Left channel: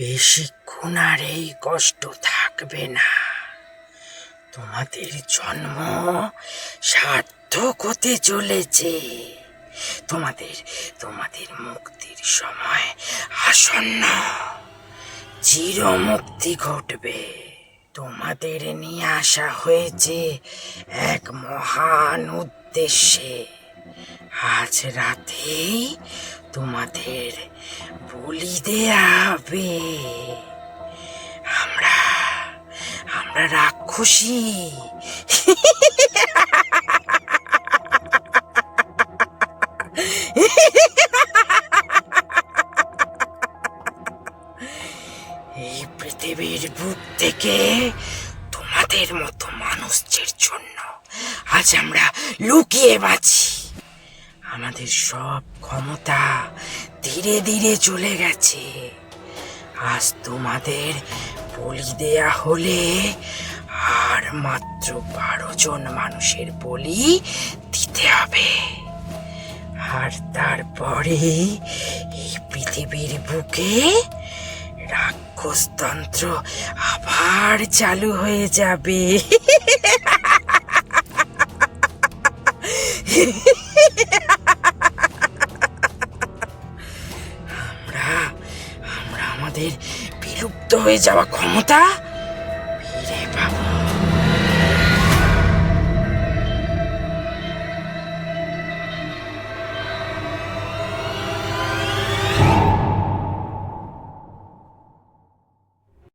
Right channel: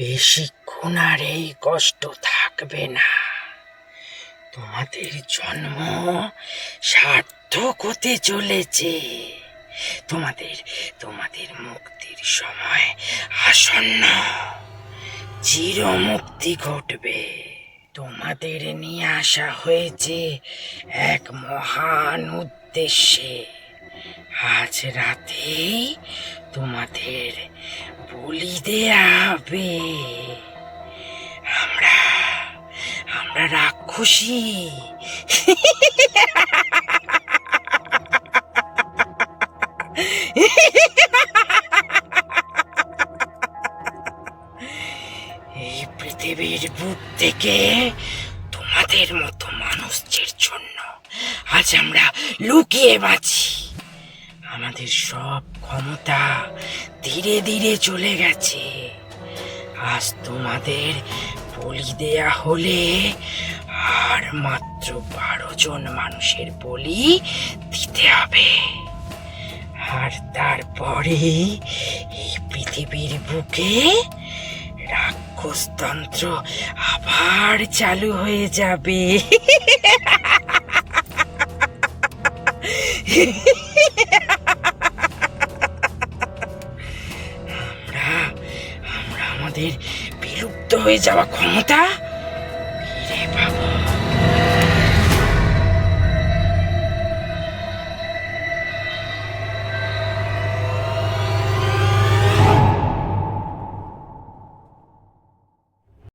বেশিক্ষণ আর এই কষ্ট থাকবে না। তোমাদের জন্ম সার্থক হতে চলেছে। তোমাদের তোমাদের মুক্তির সময় আসন্ন। চিরমুক্তি ঘটবে। তোমাদের নিয়ে আসা হয়েছে এক মহান উদ্দেশ্যে। আজ রাতেই তোমাদের বলি দেয়া হবে। আমরা আমরা রাক্ষসী। এই পৃথিবীর বুক থেকে তোমাদের মতো মানুষদের জন্য আজ আমরা লুকিয়ে বাঁচি। আমাদের সব ক্ষমতা ধীরে ধীরে চলে গেছে। আজ তোমাদের বলি দেয়া হলে আর মাত্র 12 জন মানুষের বলি দিতে হবে। আর তারপরে এই পৃথিবীর বুকে রাক্ষসতন্ত্র আবার চালু হয়ে যাবে। আমরা আমাদের বিলুপ্ত হয়ে যাওয়া ক্ষমতা